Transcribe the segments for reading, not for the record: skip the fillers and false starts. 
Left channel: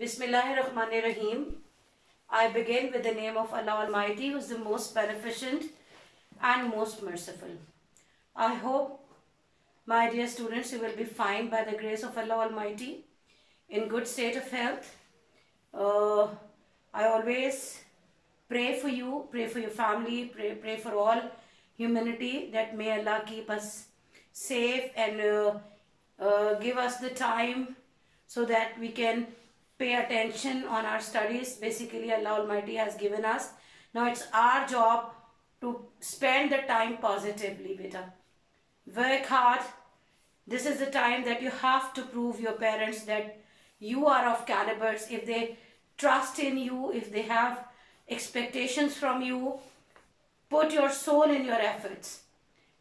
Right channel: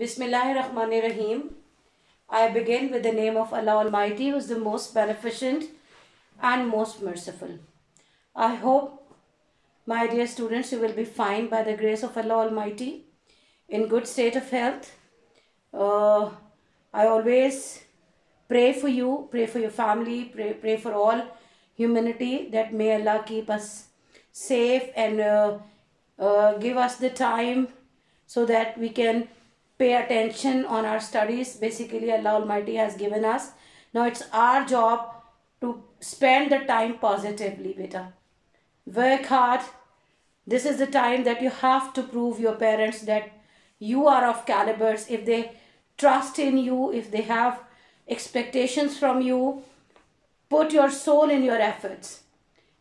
Bismillahirrahmanirrahim. I begin with the name of Allah Almighty, who is the most beneficent and most merciful. I hope, my dear students, you will be fine by the grace of Allah Almighty, in good state of health. I always pray for you, pray for your family, pray for all humanity, that may Allah keep us safe and give us the time so that we can pay attention on our studies. Basically, Allah Almighty has given us. Now it's our job to spend the time positively, beta. Work hard. This is the time that you have to prove your parents that you are of calibers. If they trust in you, if they have expectations from you, put your soul in your efforts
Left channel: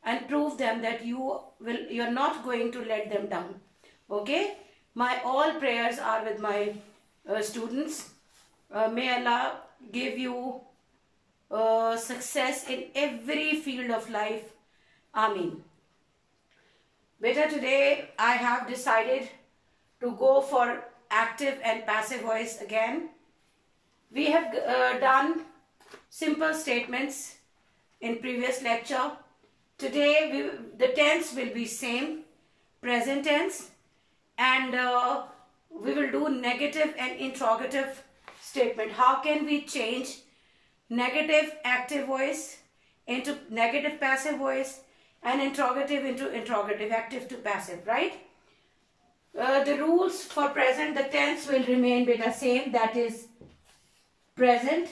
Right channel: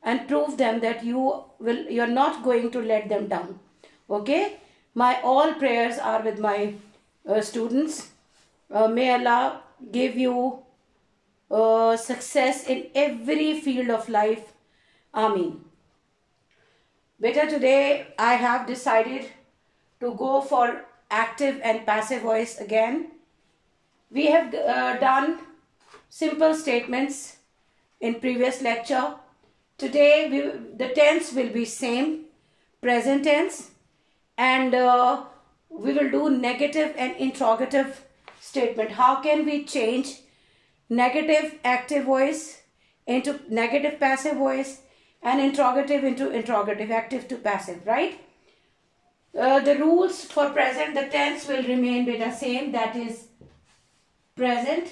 and prove them that you're not going to let them down. Okay? My all prayers are with my students. May Allah give you success in every field of life. Ameen. Beta, today I have decided to go for active and passive voice again. We have done simple statements in previous lecture. Today the tense will be same, present tense, and we will do negative and interrogative statement. How can we change negative active voice into negative passive voice and interrogative into interrogative, active to passive, right? The rules for present, the tense will remain the same, that is present.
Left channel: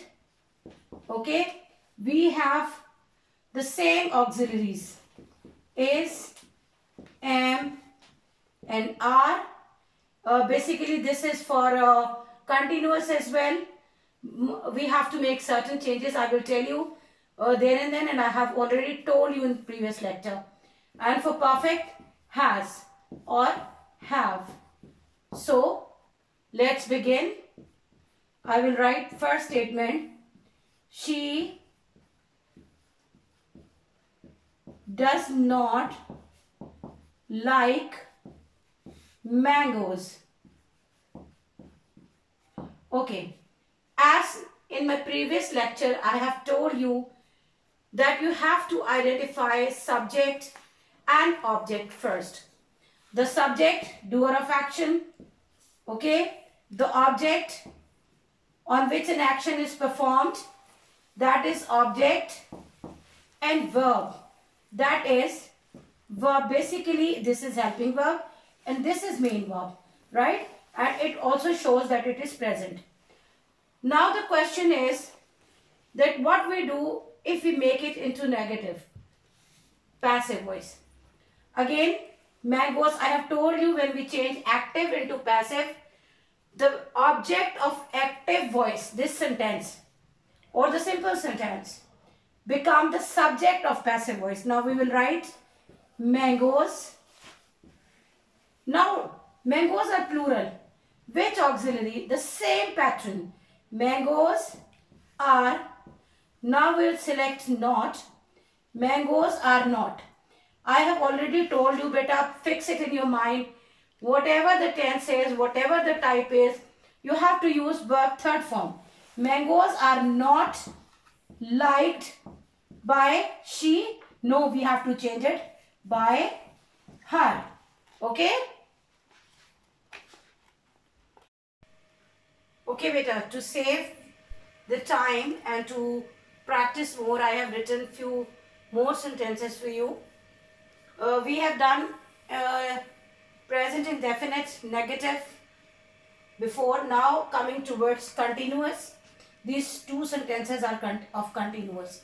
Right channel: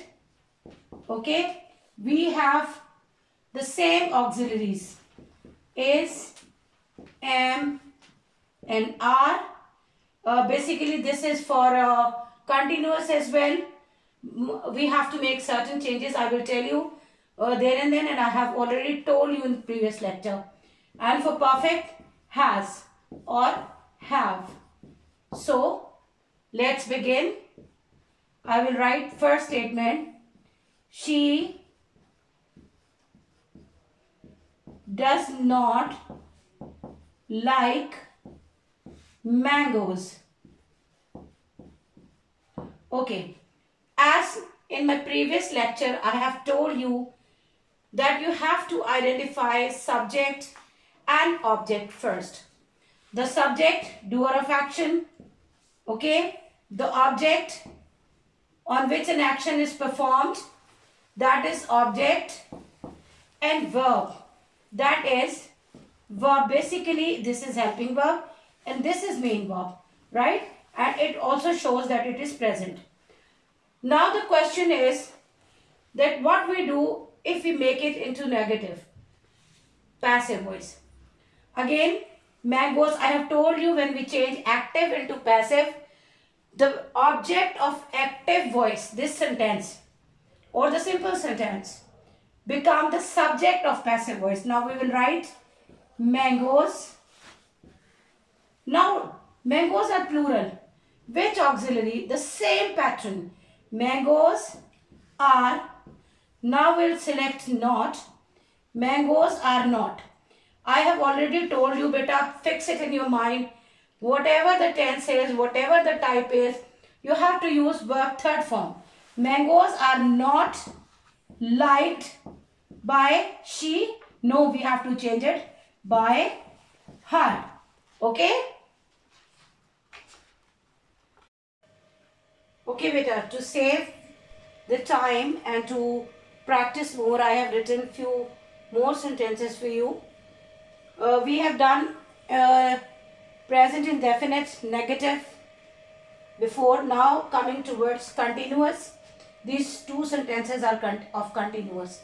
Okay, we have the same auxiliaries, is, am and are. Basically this is for continuous as well. We have to make certain changes. I will tell you there and then, and I have already told you in previous lecture. And for perfect, has or have. So let's begin. I will write first statement. She does not like mangoes. Okay, as in my previous lecture I have told you that you have to identify subject and object first. The subject, doer of action, okay, the object on which an action is performed, that is object, and verb, that is verb. Basically this is helping verb and this is main verb, right? And it also shows that it is present. Now the question is that what we do if we make it into negative passive voice. Again, mangoes, I have told you, when we change active into passive, the object of active voice, this sentence or the simple sentence, become the subject of passive voice. Now we will write mangoes. Now mangoes are plural. Which auxiliary? The same pattern. Mangoes are. Now we'll select not. Mangoes are not. I have already told you, beta, fix it in your mind. Whatever the tense is, whatever the type is, you have to use verb third form. Mangoes are not liked by she. No, we have to change it by her. Okay? Okay, beta, to save the time and to practice more, I have written few more sentences for you. We have done present indefinite, negative before. Now coming towards continuous. These two sentences are of continuous.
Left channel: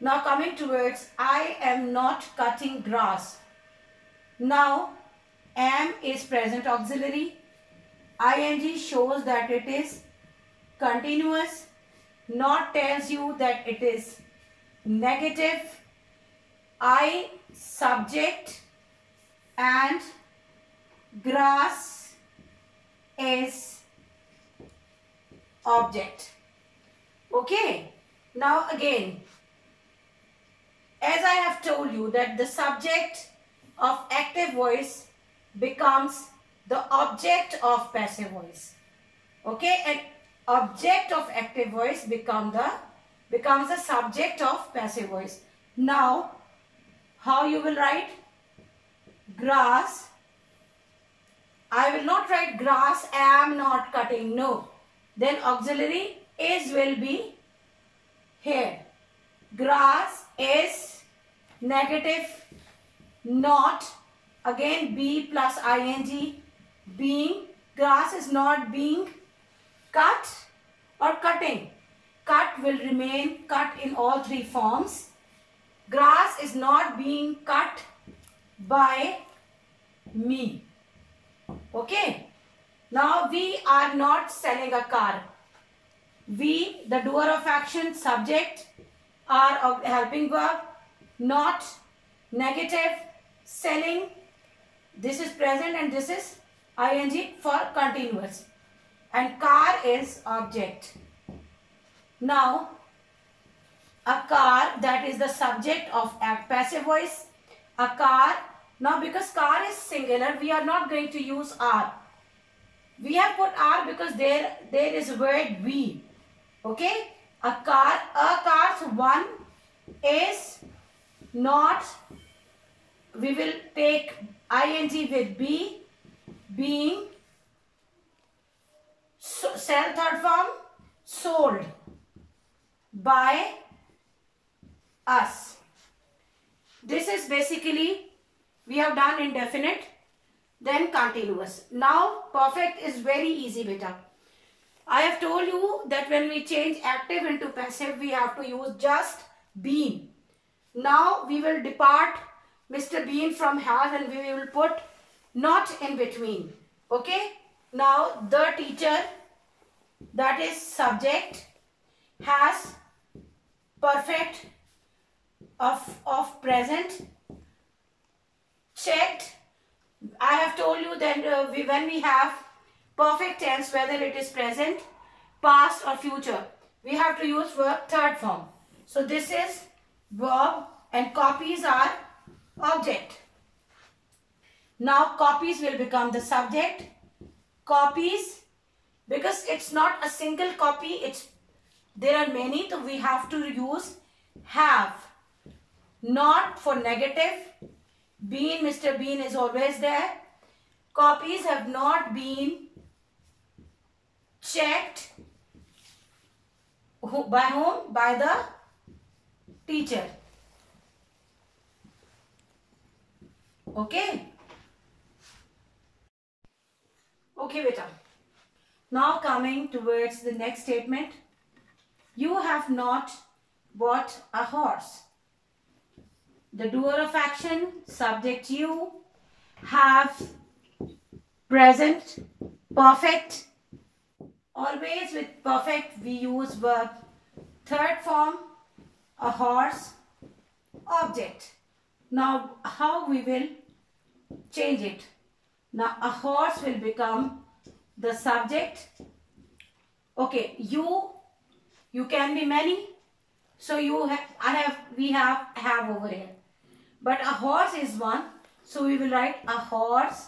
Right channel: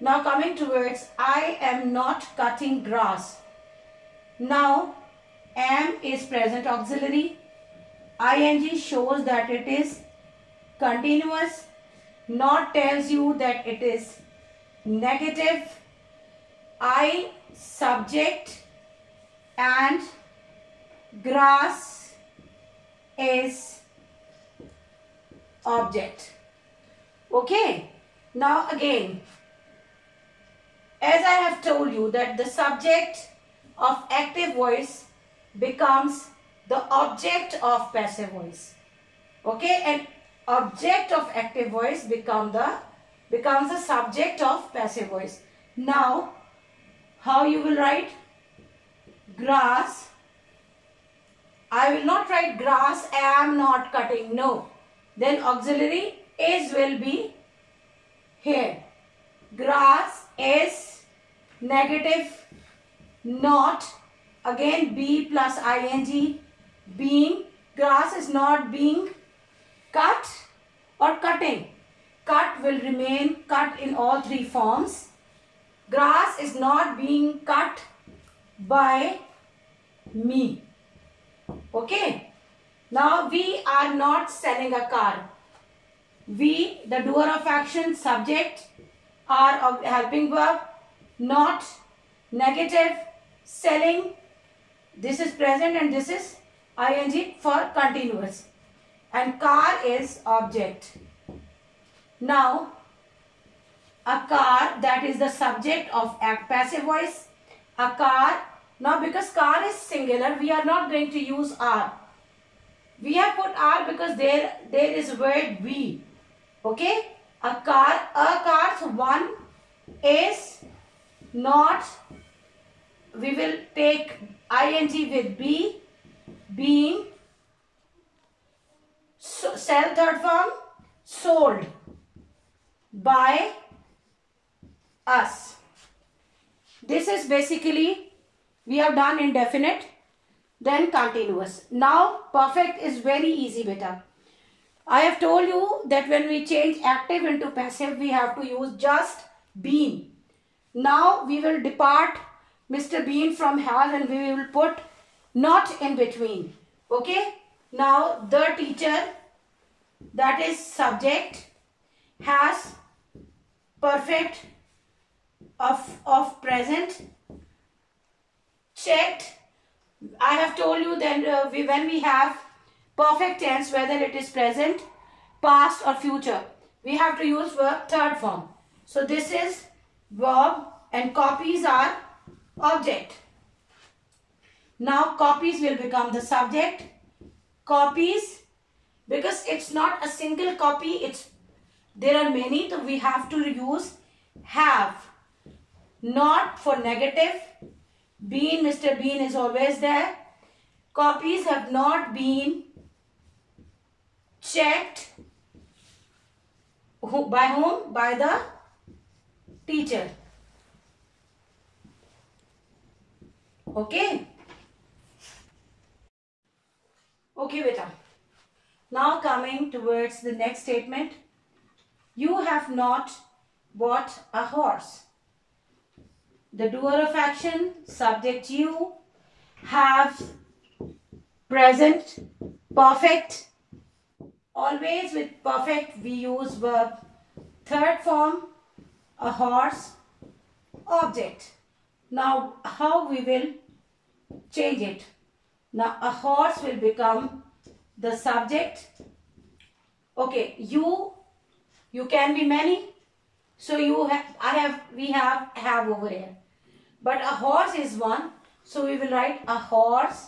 Now coming towards I am not cutting grass. Now am is present auxiliary. ing shows that it is continuous. Not tells you that it is negative. I subject and grass is object. Okay. Now again, as I have told you that the subject of active voice becomes the object of passive voice. Okay, and object of active voice becomes the subject of passive voice. Now, how you will write? Grass. I will not write grass am not cutting. No. Then auxiliary is will be here. Grass is negative not. Again be plus ing. Being. Grass is not being cut or cutting. Cut will remain cut in all three forms. Grass is not being cut by me. Okay. Now we are not selling a car. We, the doer of action, subject, are of helping verb, not, negative, selling. This is present and this is ing for continuous. And car is object. Now, a car, that is the subject of passive voice. A car. Now, because car is singular, we are not going to use are. We have put are because there is word we. Okay? A car, so one is not. We will take ing with be, being. So, sell third form, sold by us. This is basically, we have done indefinite, then continuous. Now perfect is very easy, beta. I have told you that when we change active into passive, we have to use just been. Now we will depart Mr. Bean from has and we will put not in between. Okay. Now the teacher, that is subject, has perfect of present, checked. I have told you that when we have perfect tense, whether it is present, past or future, we have to use verb third form. So this is verb and copies are object. Now copies will become the subject. Copies, because it's not a single copy, there are many, so we have to use have. Not for negative. Been, Mr. Bean is always there. Copies have not been checked. By whom? By the teacher. Okay. Okay, beta. Now coming towards the next statement. You have not bought a horse. The doer of action, subject you, have, present, perfect. Always with perfect we use verb third form, a horse, object. Now how we will change it? Now a horse will become the subject. Okay, you can be many. So we have over here. But a horse is one. So we will write a horse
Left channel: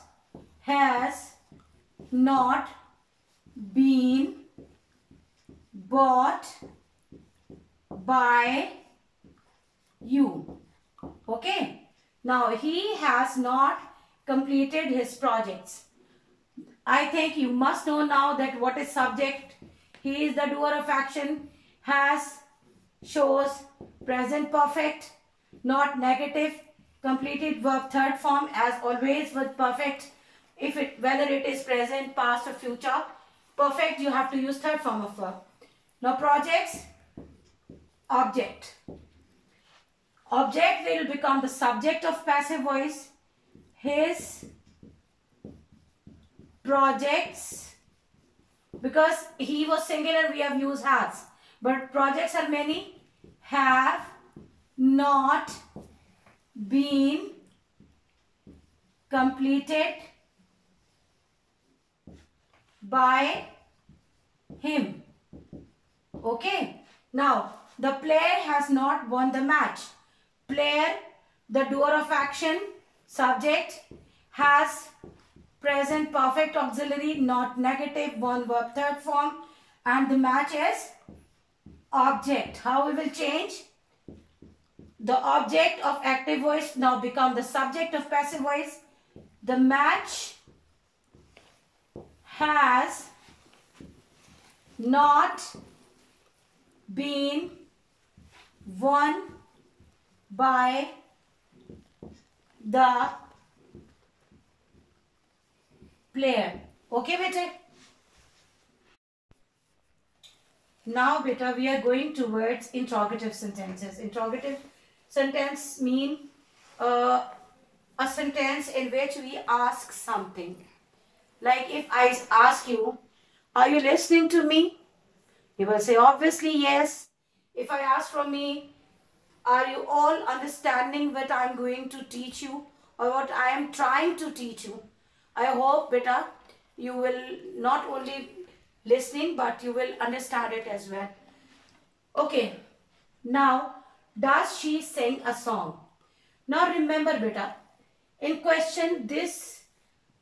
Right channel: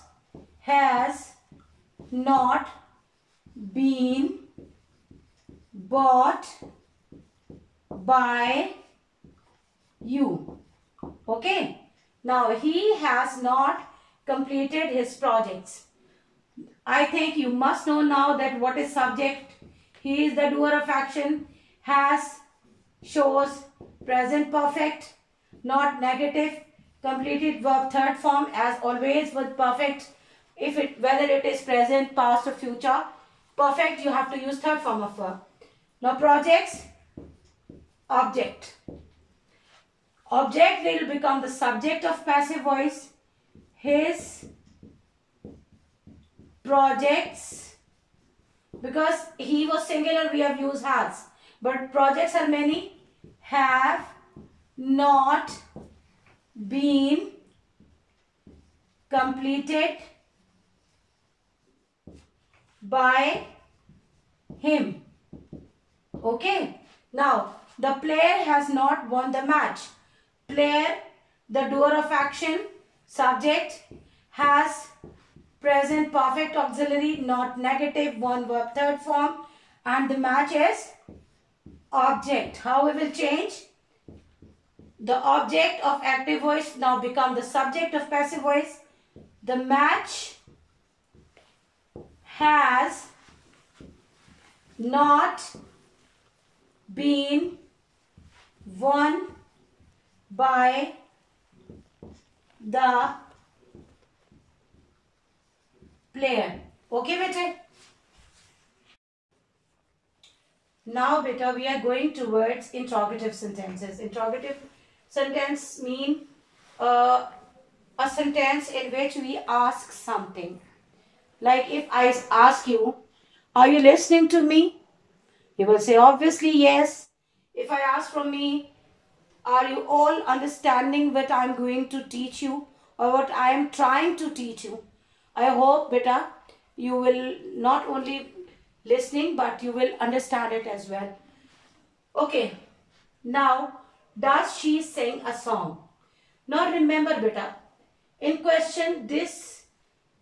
has not been bought by you. Okay. Now he has not completed his projects. I think you must know now that what is subject. He is the doer of action. Has shows present perfect, not negative. Completed verb third form as always with perfect. Whether it is present, past or future. Perfect, you have to use third form of verb. Now projects, object. Object will become the subject of passive voice. His projects, because he was singular, we have used has. But projects are many. Have not been completed by him. Okay. Now, the player has not won the match. Player, the doer of action, subject, has present perfect auxiliary, not negative, one verb third form, and the match is object. How we will change? The object of active voice now become the subject of passive voice. The match has not been won by the player. Okay, beta? Now, beta, we are going towards interrogative sentences. Interrogative sentence mean a sentence in which we ask something. Like if I ask you, are you listening to me? You will say obviously yes. If I ask from me, are you all understanding what I am going to teach you or what I am trying to teach you? I hope, beta, you will not only listening but you will understand it as well. Okay, now does she sing a song? Now remember, beta, in question this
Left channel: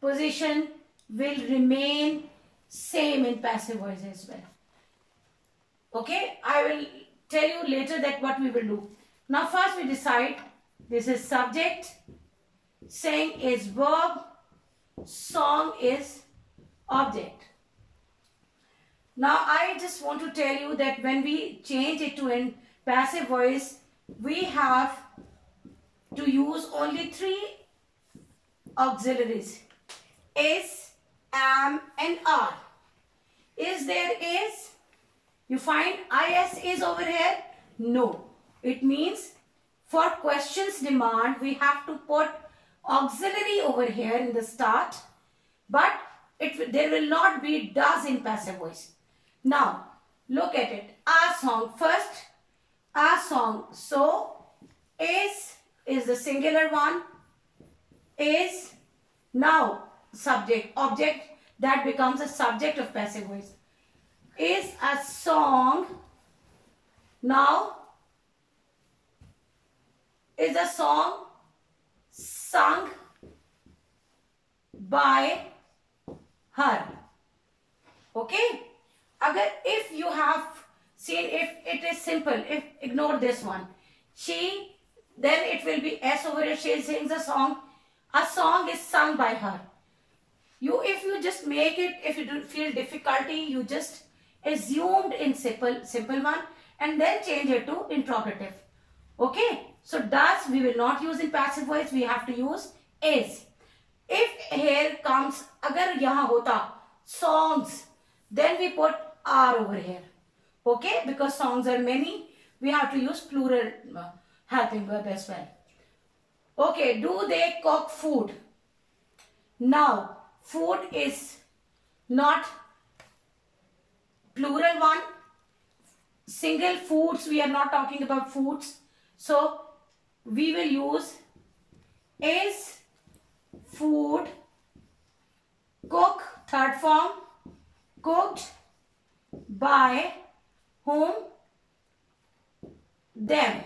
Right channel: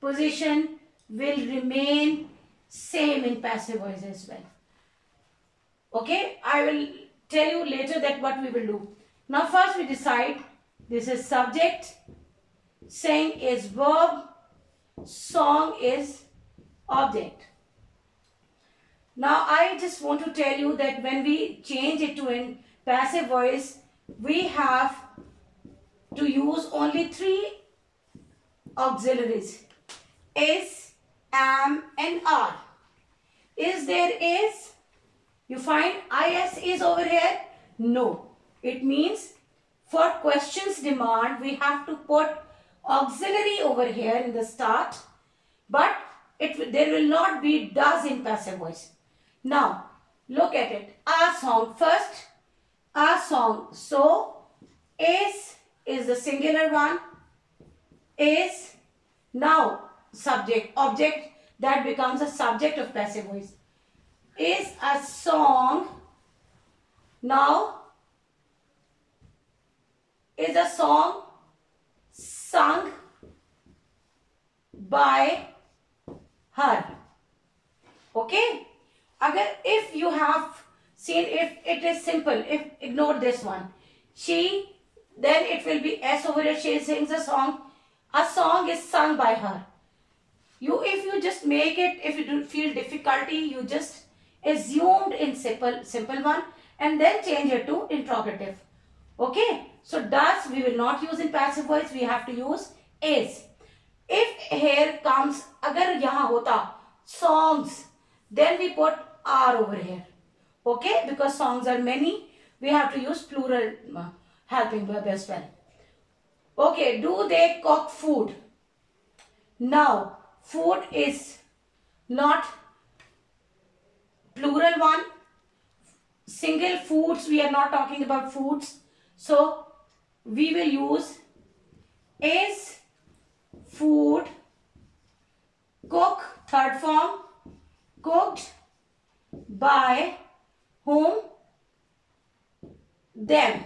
position will remain same in passive voice as well. Okay, I will tell you later that what we will do. Now first we decide this is subject, sing is verb, song is object. Now I just want to tell you that when we change it to in passive voice, we have to use only 3 auxiliaries: is, am and are. Is there is? You find is over here? No. It means for questions demand we have to put auxiliary over here in the start, but there will not be does in passive voice. Now look at it. A song first. A song. So is the singular one. Is now subject object, that becomes a subject of passive voice. Is a song now is a song sung by her. Okay, if you have seen, if it is simple, if ignore this one, she, then it will be s over here. She sings a song is sung by her. If you just make it, if you don't feel difficulty, you just assumed in simple one and then change it to interrogative. Okay, so does we will not use in passive voice, we have to use is. If here comes, agar yahan hota songs, then we put are over here. Okay, because songs are many, we have to use plural helping verb as well. Okay, do they cook food? Now food is not plural one. Single foods, we are not talking about foods. So we will use is food, cook, third form, cooked by whom? Them.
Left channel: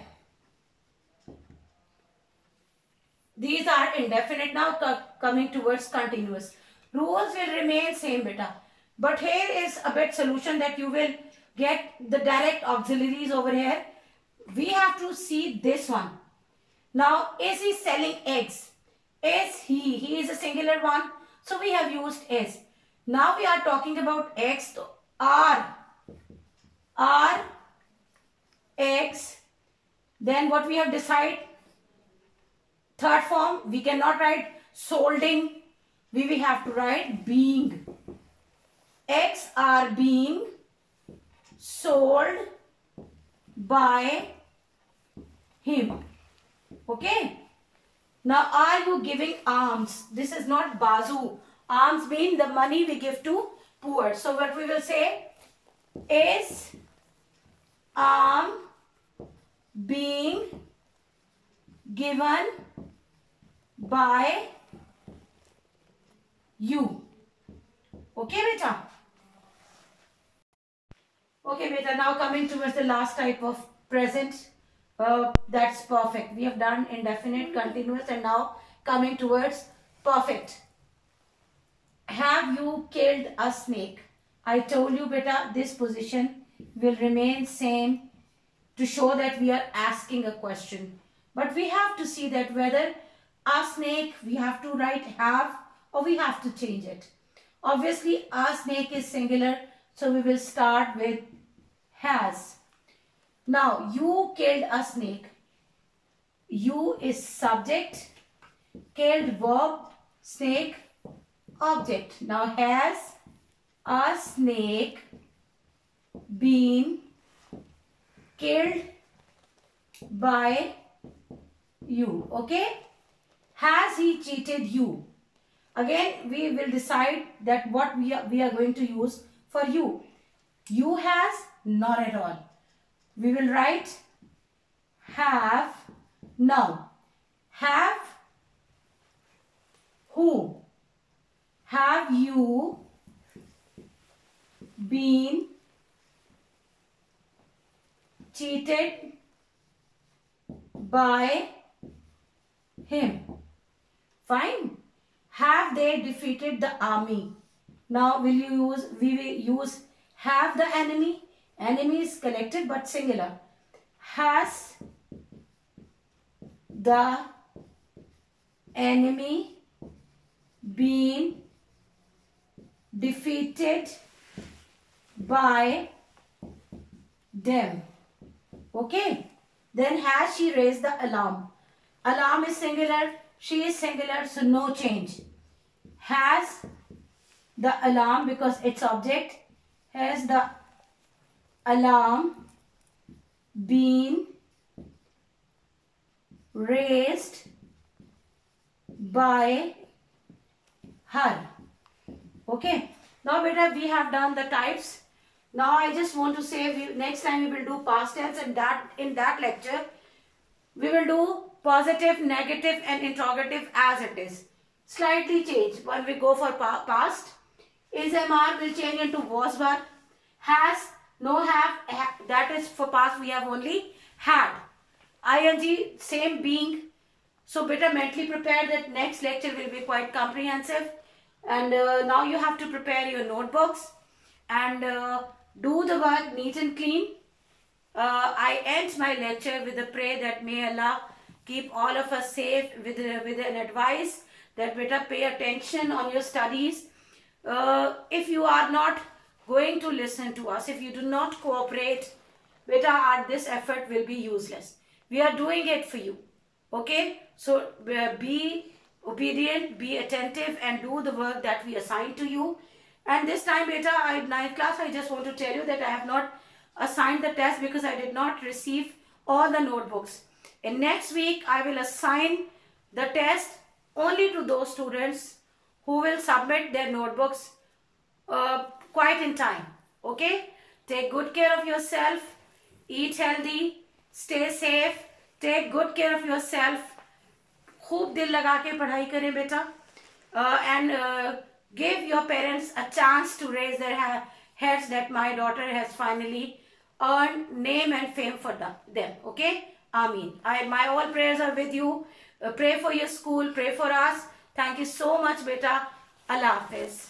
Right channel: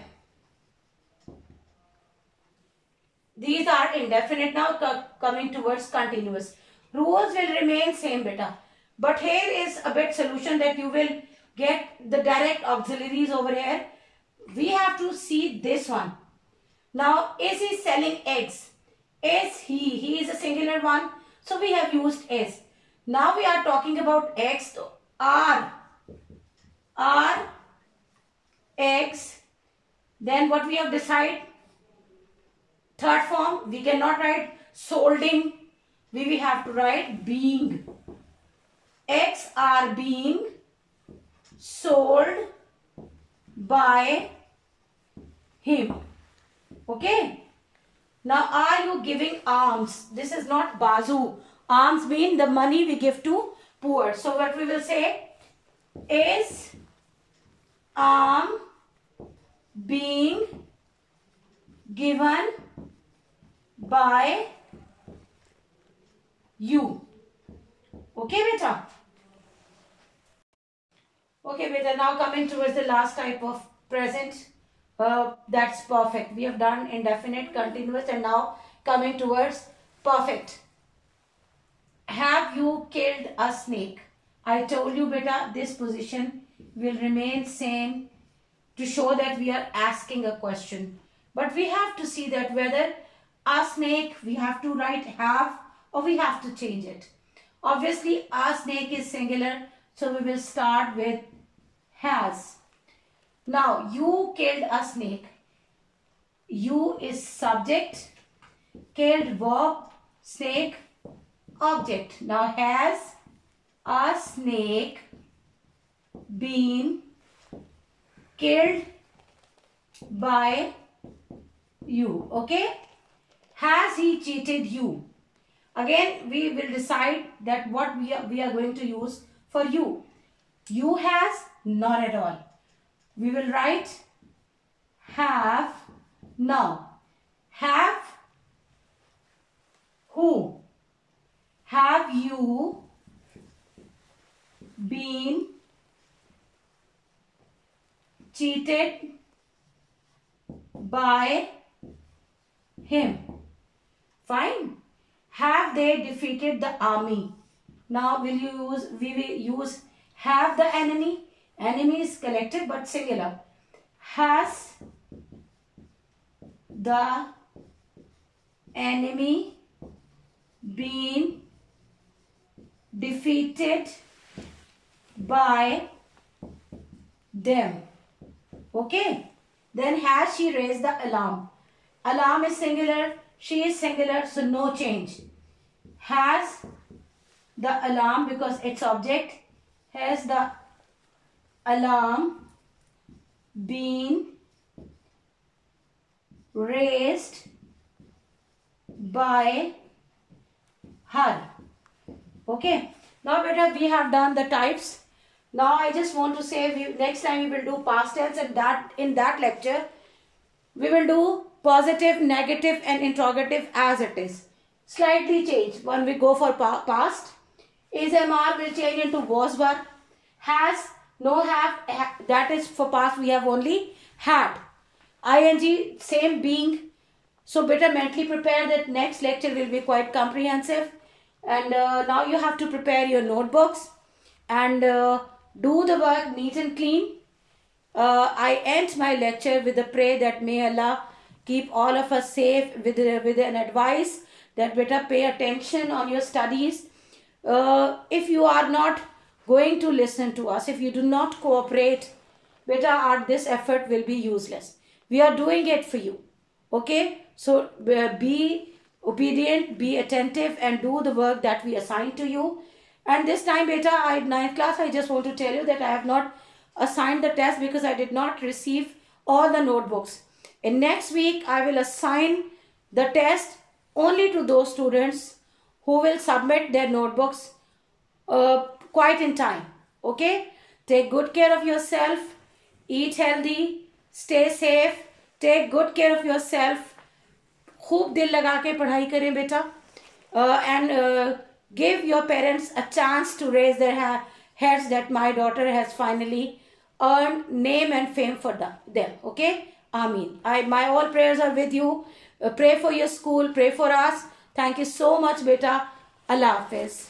These are indefinite. Now coming towards continuous. Rules will remain same, beta. But here is a bit solution that you will get the direct auxiliaries over here. We have to see this one. Now, is he selling eggs? Is he? He is a singular one. So we have used is. Now we are talking about eggs. So are eggs. Then what we have decided? Third form, we cannot write solding. We will have to write being. Eggs are being sold by him. Okay. Now, are you giving alms? This is not bazu. Alms mean the money we give to poor. So, what we will say is being given by you. Okay, beta? Okay, beta. Now coming towards the last type of present. That's perfect. We have done indefinite, continuous, and now coming towards perfect. have you killed a snake? I told you, beta, this position will remain same to show that we are asking a question. But we have to see that whether a snake, we have to write have or we have to change it. Obviously, a snake is singular, so we will start with has. Now, you killed a snake. You is subject, killed verb, snake object. Now, has a snake been killed by you? Okay. Has he cheated you? Again, we will decide that what we are going to use for you. You has, not at all. We will write have. Now, have who? Have you been cheated by him? Fine. Have they defeated the army? Now we will use have the enemy. Enemy is collective but singular. Has the enemy been defeated by them? Okay. Then has she raised the alarm? Alarm is singular. She is singular, so no change. Has the alarm, because it's object, has the alarm been raised by her? Okay. Now, beta, we have done the types. Now, I just want to say next time we will do past tense, and in that lecture we will do positive, negative and interrogative as it is. Slightly change. When we go for past, is MR will change into was were. Has, no have, that is for past we have only had. ING, same being. So better mentally prepare that next lecture will be quite comprehensive. And now you have to prepare your notebooks and do the work neat and clean. I end my lecture with a prayer that may Allah keep all of us safe, with an advice that better pay attention on your studies. If you are not going to listen to us, if you do not cooperate, better this effort will be useless. We are doing it for you. Okay? So be obedient, be attentive and do the work that we assign to you. And this time, beta, in 9th class, I just want to tell you that I have not assigned the test because I did not receive all the notebooks. In next week, I will assign the test only to those students who will submit their notebooks quite in time. Okay? Take good care of yourself. Eat healthy. Stay safe. Take good care of yourself. खूब दिल लगा के पढ़ाई करें बेटा. And give your parents a chance to raise their heads that my daughter has finally earned name and fame for them. Okay? Ameen. My all prayers are with you. Pray for your school. Pray for us. Thank you so much, beta. Allah Hafiz.